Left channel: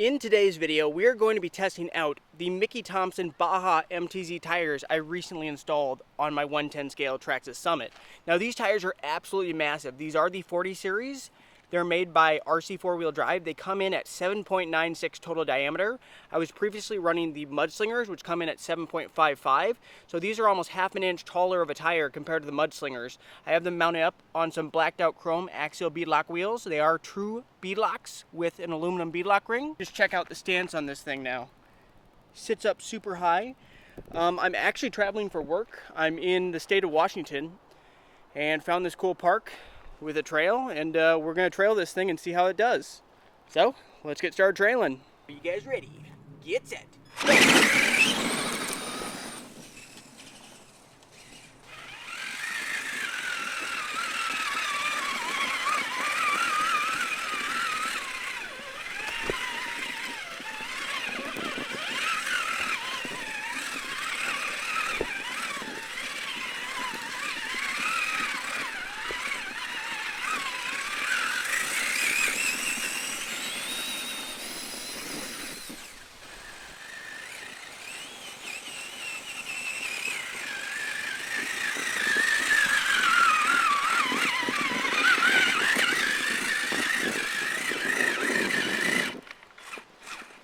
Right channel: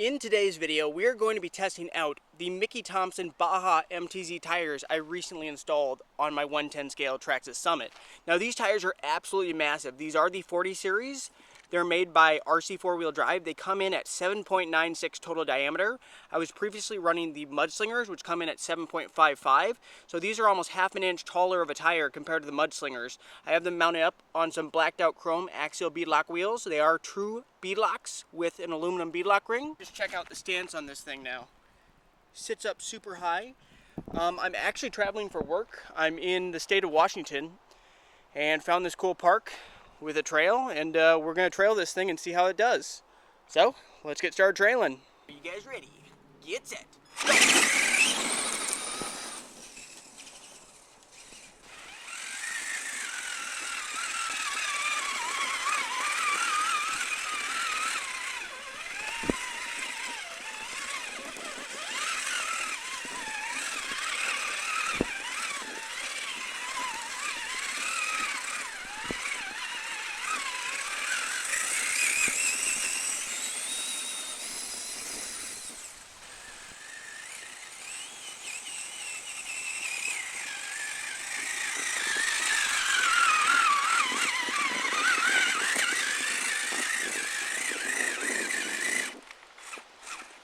In today's video, we are going to be testing out the Thompson Baja MTZ tires I recently installed on my 110 scale Traxxas Summit. Now these tires are absolutely massive. These are the 40 series. They're made by RC four-wheel drive. They come in at 7.96 total diameter. I was previously running the Mudslingers, which come in at 7.55. So these are almost half an inch taller of a tire compared to the Mudslingers. I have them mounted up on some blacked out chrome Axial Beadlock wheels. They are true Beadlocks with an aluminum beadlock ring. Just check out the stance on this thing now. Sits up super high. I'm actually traveling for work. I'm in the state of Washington and found this cool park with a trail, and we're going to trail this thing and see how it does. So, let's get started trailing. You guys ready? Get set.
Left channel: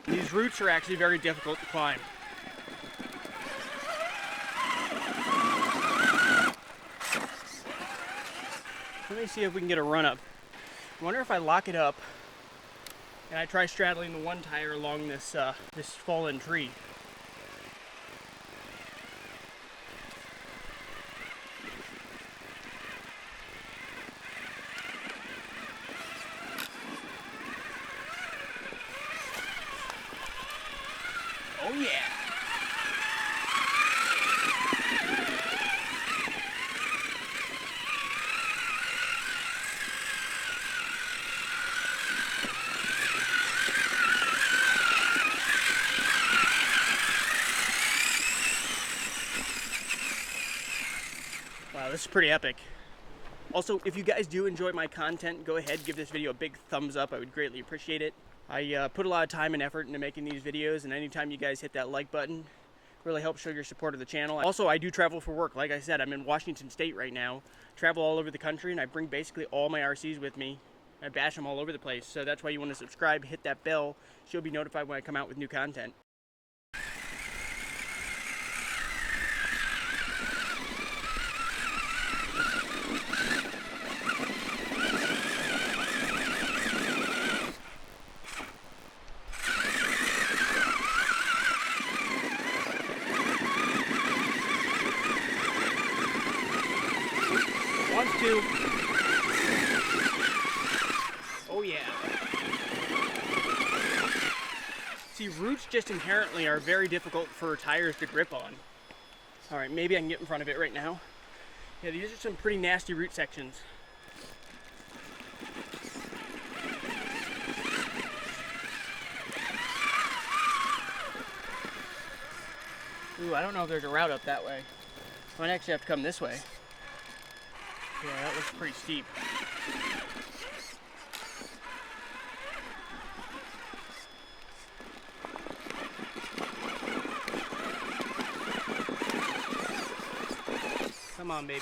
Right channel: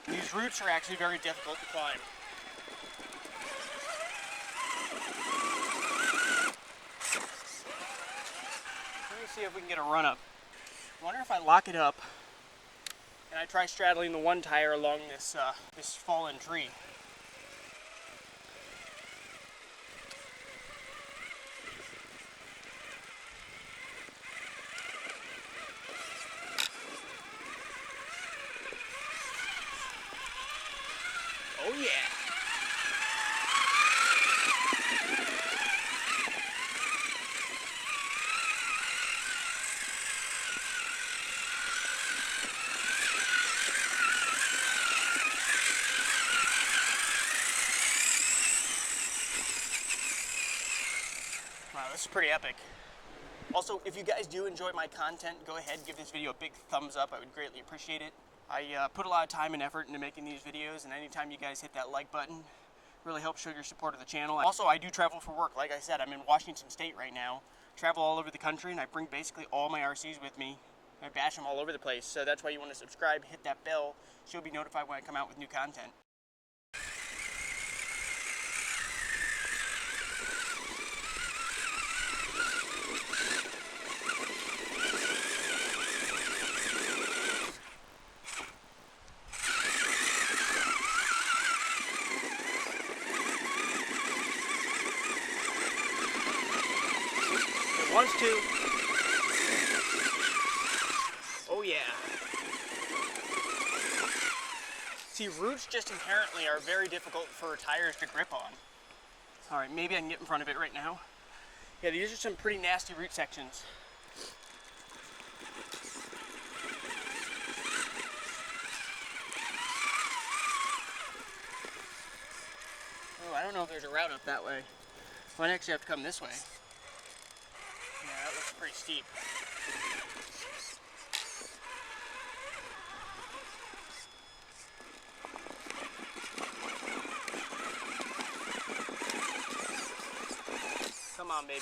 These roots are actually very difficult to climb. Let me see if we can get a run up. I wonder if I lock it up and I try straddling the one tire along this this fallen tree. Wow, this is pretty epic. Also, if you guys do enjoy my content, go ahead, give this video a big thumbs up. I would greatly appreciate it. I put a lot of time and effort into making these videos, and anytime you guys hit that like button, really helps show your support of the channel. Also, I do travel for work. Like I said, I'm in Washington State right now. Travel all over the country, and I bring basically all my RCs with me. I bash them all over the place, so that's why you want to subscribe, hit that bell, so you'll be notified when I come out with new content. Just inherently are very difficult for tires to grip on. All right, maybe I can get in front of it right now. Yeah, these are some pretty nasty root sections. Ooh, I don't know if there's a route up that way. I might actually have to come this way. Yeah, that looks pretty steep. Come on, baby.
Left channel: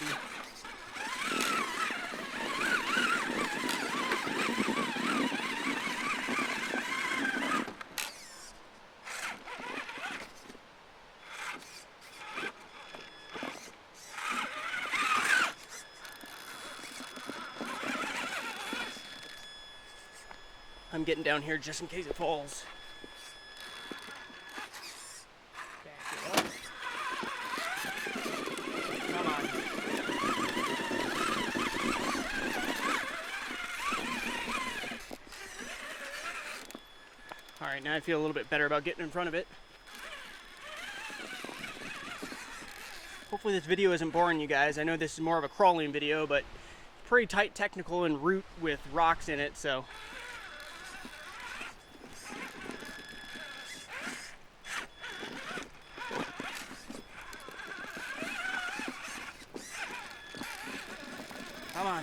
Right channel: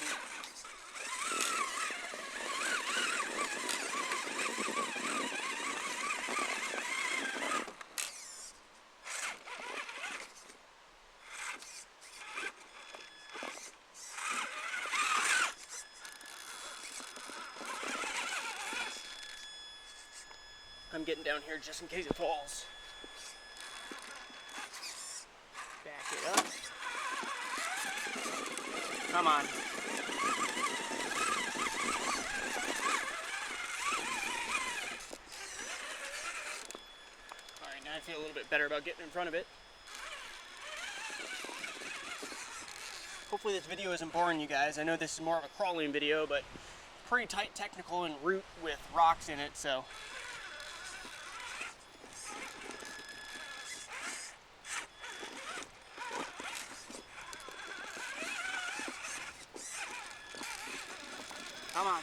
I'm getting down here just in case it falls. Alright, now I feel a little bit better about getting in front of it. Hopefully this video isn't boring you guys. I know this is more of a crawling video, but it's pretty tight technical and root with rocks in it, so. Come on.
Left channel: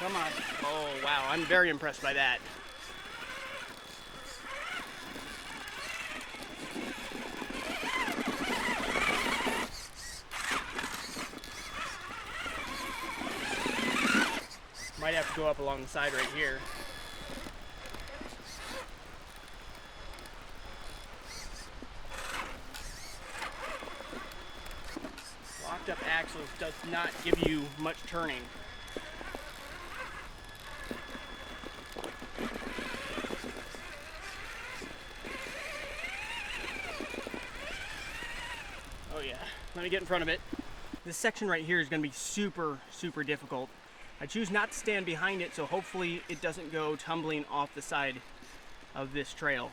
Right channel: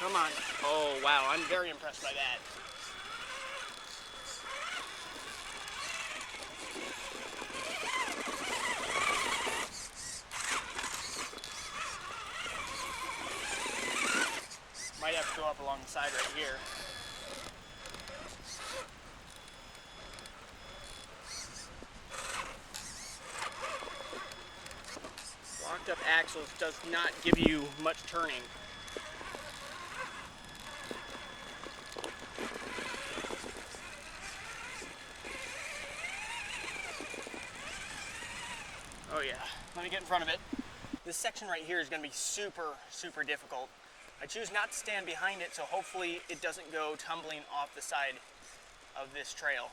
Come on. Oh, wow. I'm very impressed by that. along the side right here. Locked up axle does not give you much turning. Oh yeah, let me get in front of it. This section right here is going to be super, super difficult. I choose not to stand behind it, so hopefully it doesn't go tumbling off the side of this trail.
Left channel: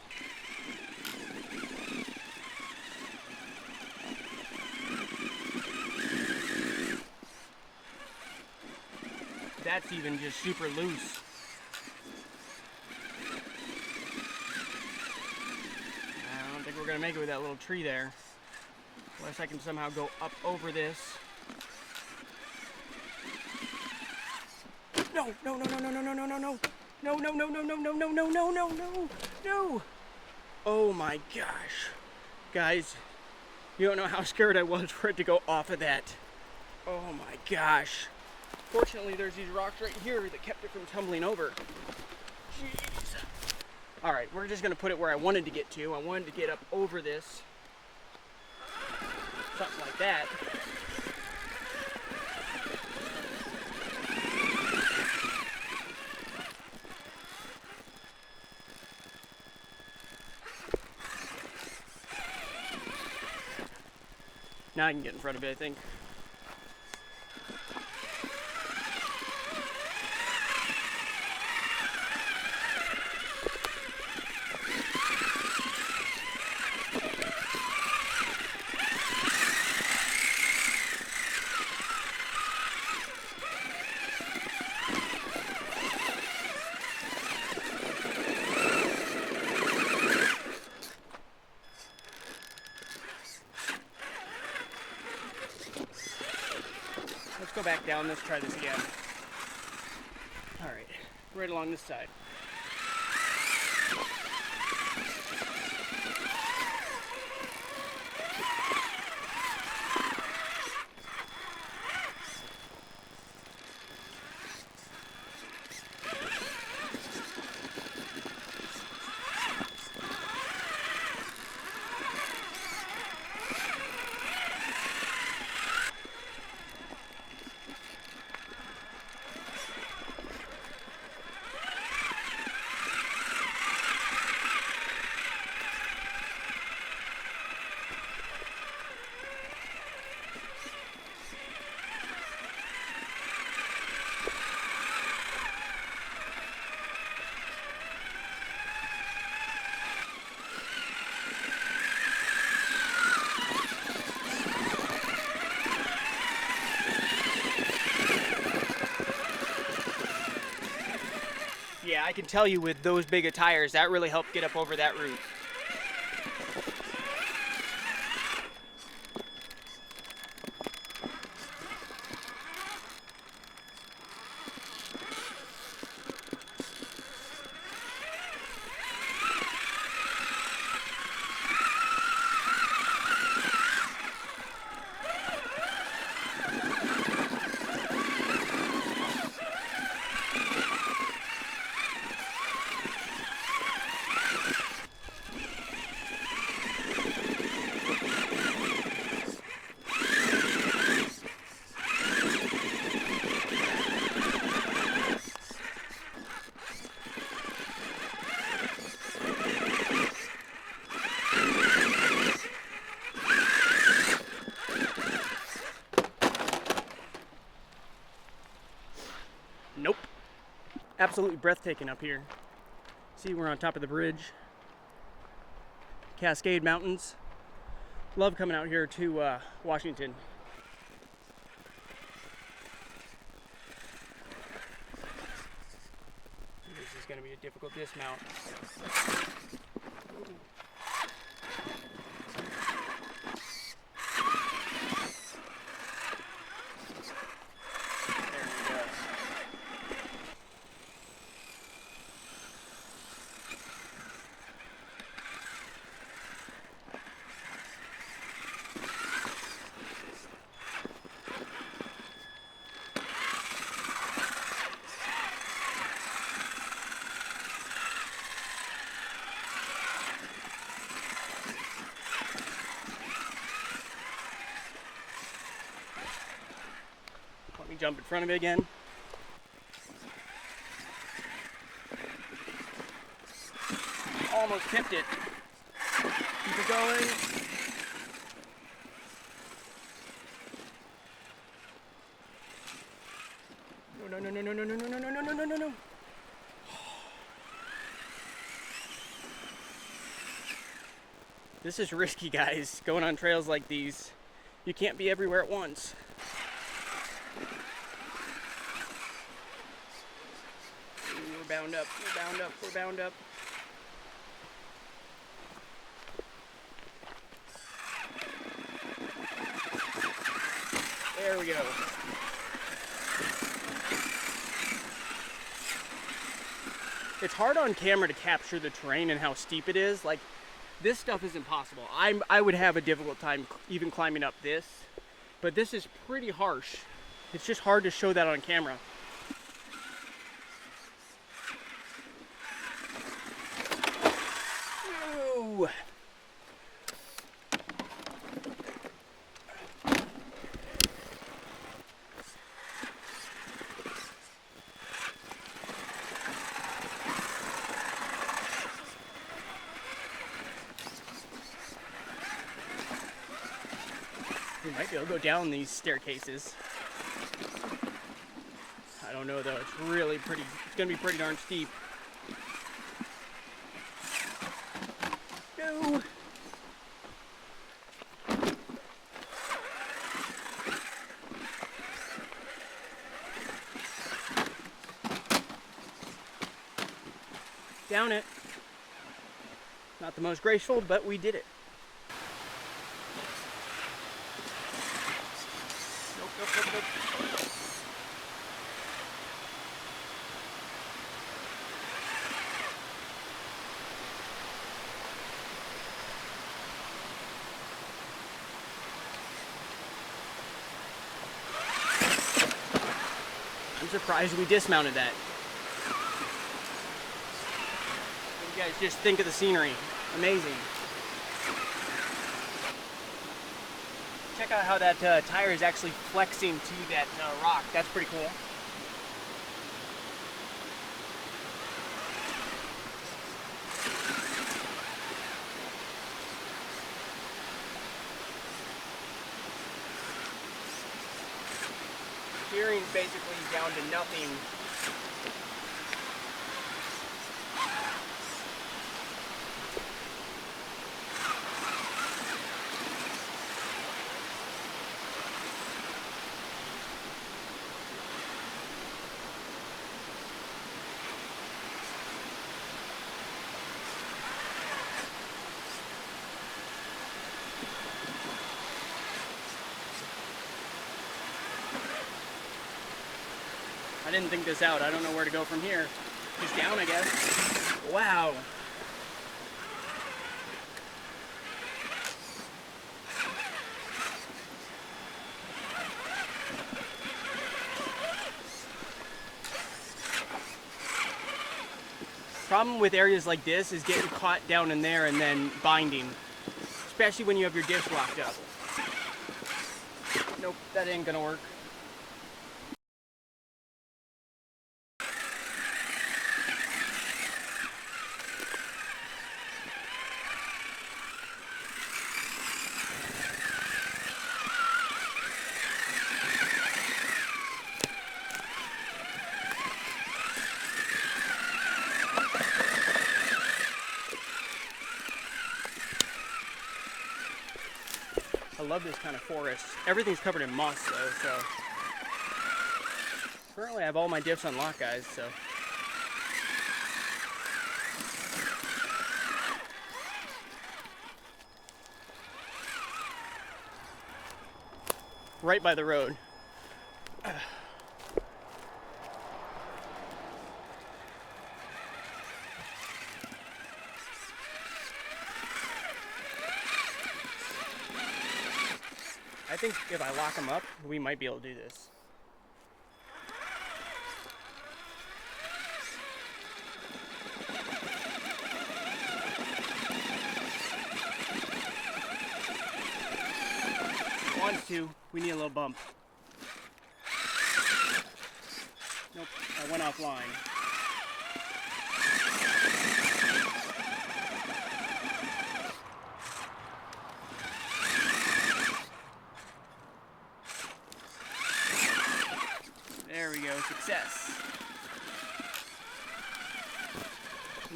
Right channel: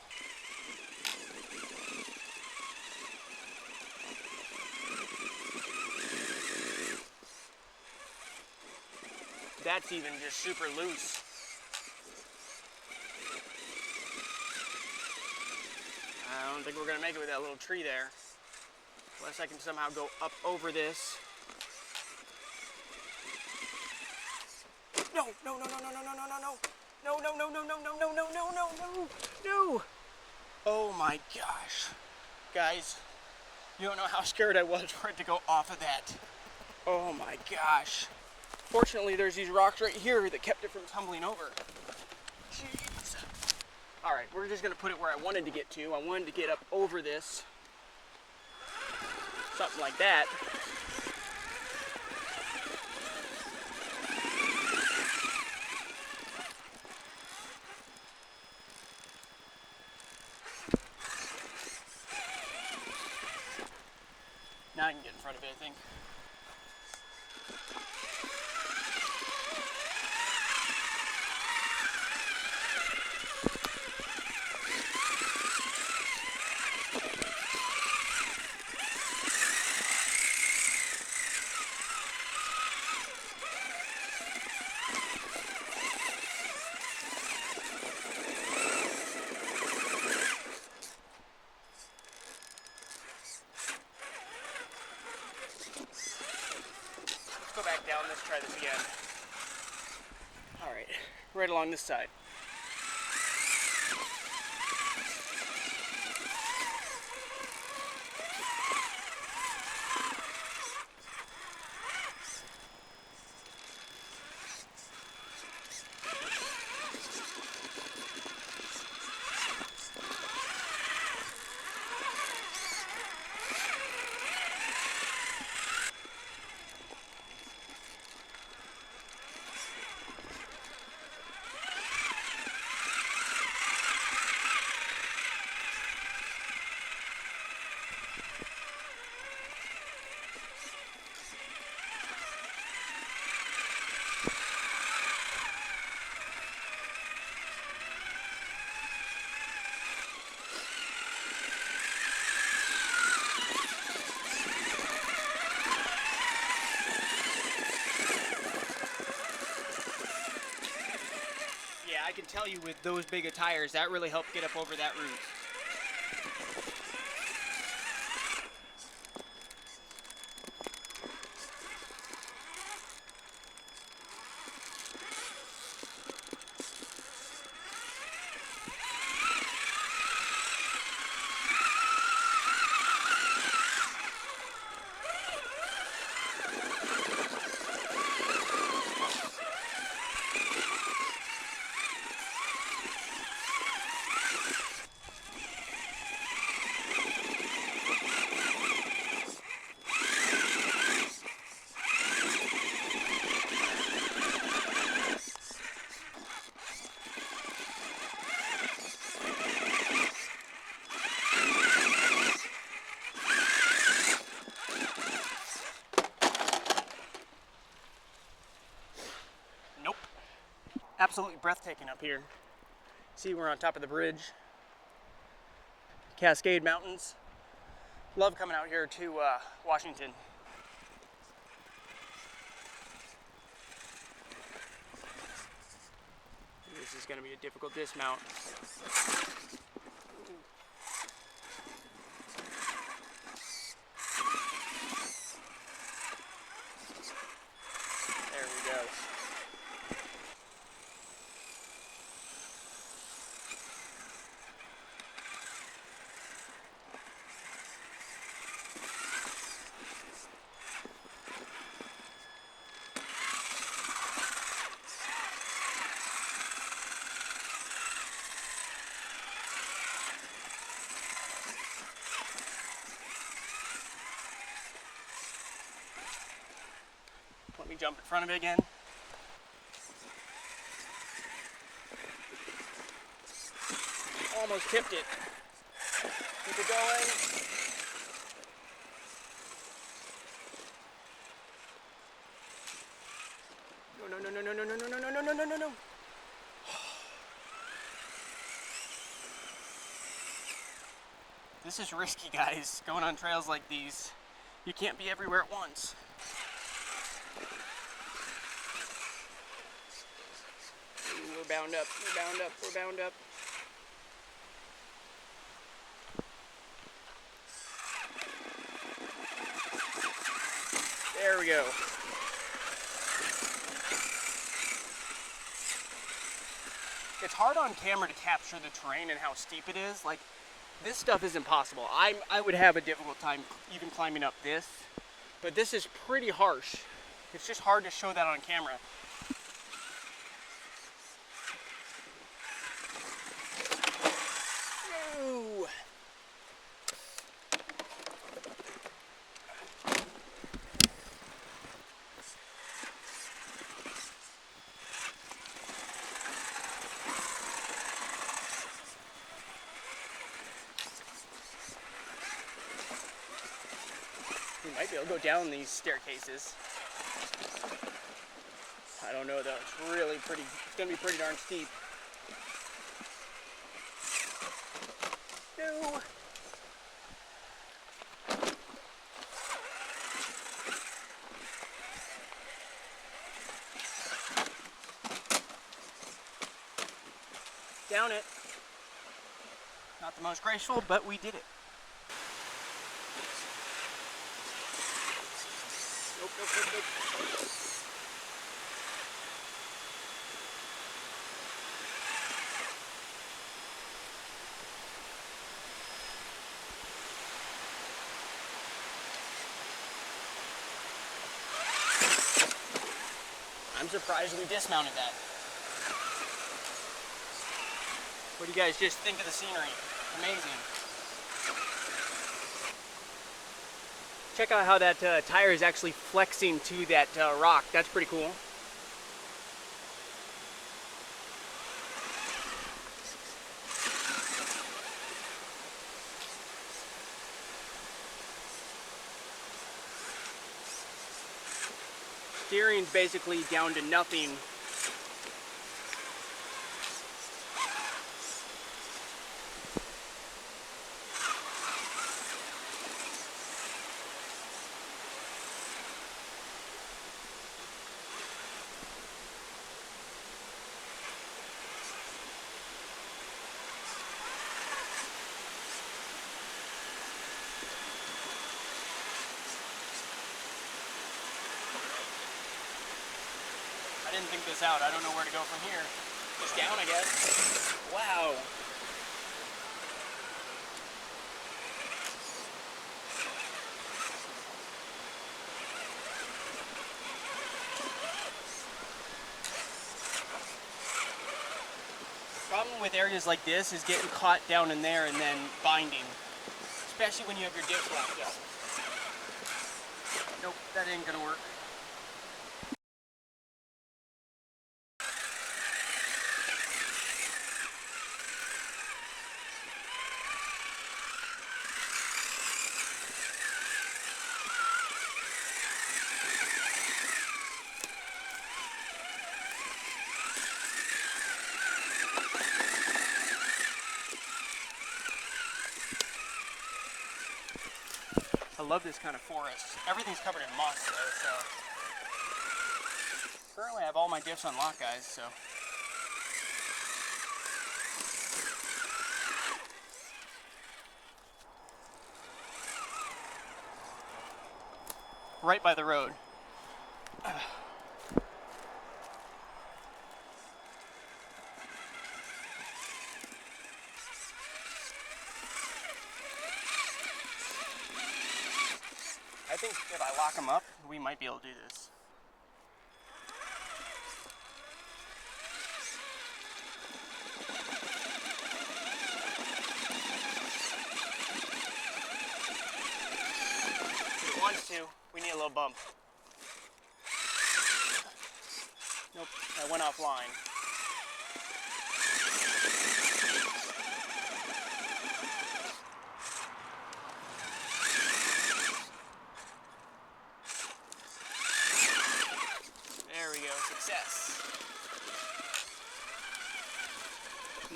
That's even just super loose. I don't think we're going to make it with that little tree there. Unless I can somehow go up over this. No, no, no, no, no, no, no, no, no. No, no, no, no, no, no, no, no, no, no, no. Oh my gosh. Guys, you don't know how scared I was for it to go off of that. Oh my gosh. Fortunately, there's these rocks right here that kept it from tumbling over. Jeez. All right, we're just gonna put it where I wanted to get to. I wanted to get up over this. Something like that. Now I can get in front of it, I think. Go back down, let's try this again. Alright, right along this side. I can tell you with those big of tires, that really helped get up over that root. Nope. Absolutely breathtaking up here. See, we're on top of the bridge. Cascade Mountains. Love coming out here to Washington. This is going to be a difficult dismount. jump in front of it again. Almost tipped it. Keep it going. No. This is risky, guys. Going on trails like these, you can't be everywhere at once. We're bound up. There we go. It's hard on camera to capture the terrain and how steep it is. Like, this stuff isn't possible. I would have a difficult time even climbing up this, but this is pretty harsh. It's just hard to show that on camera. Ooh. Go down these staircases. I don't know though, it's really pretty, it's gonna be pretty darn steep. Ooh. Down it. Not the most graceful, but we did it. Surprised we dismounted that. You guys just think of the scenery. Amazing. Check out how that tire is actually flexing to that rock. That's pretty cool. Steering's basically down to nothing. I didn't think this out. I don't know where to go from here. Just down, I guess. Wow. Problem with areas like this is getting caught down in there and then binding, especially when you have your disc locked up. Nope, that ain't gonna work. I love this kind of forest. Everything's covered in moss though, so. Currently I have all my diffs unlocked, guys, so. Right by the road. I think if I lock them up, we might be able to do this. We need a little bump.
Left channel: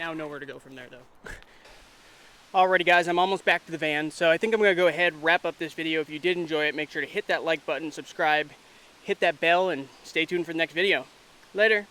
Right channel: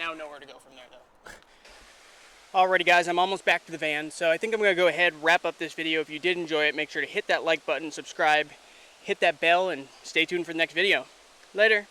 Now know where to go from there, though. Alrighty guys, I'm almost back to the van, so I think I'm going to go ahead, wrap up this video. If you did enjoy it, make sure to hit that like button, subscribe, hit that bell, and stay tuned for the next video. Later.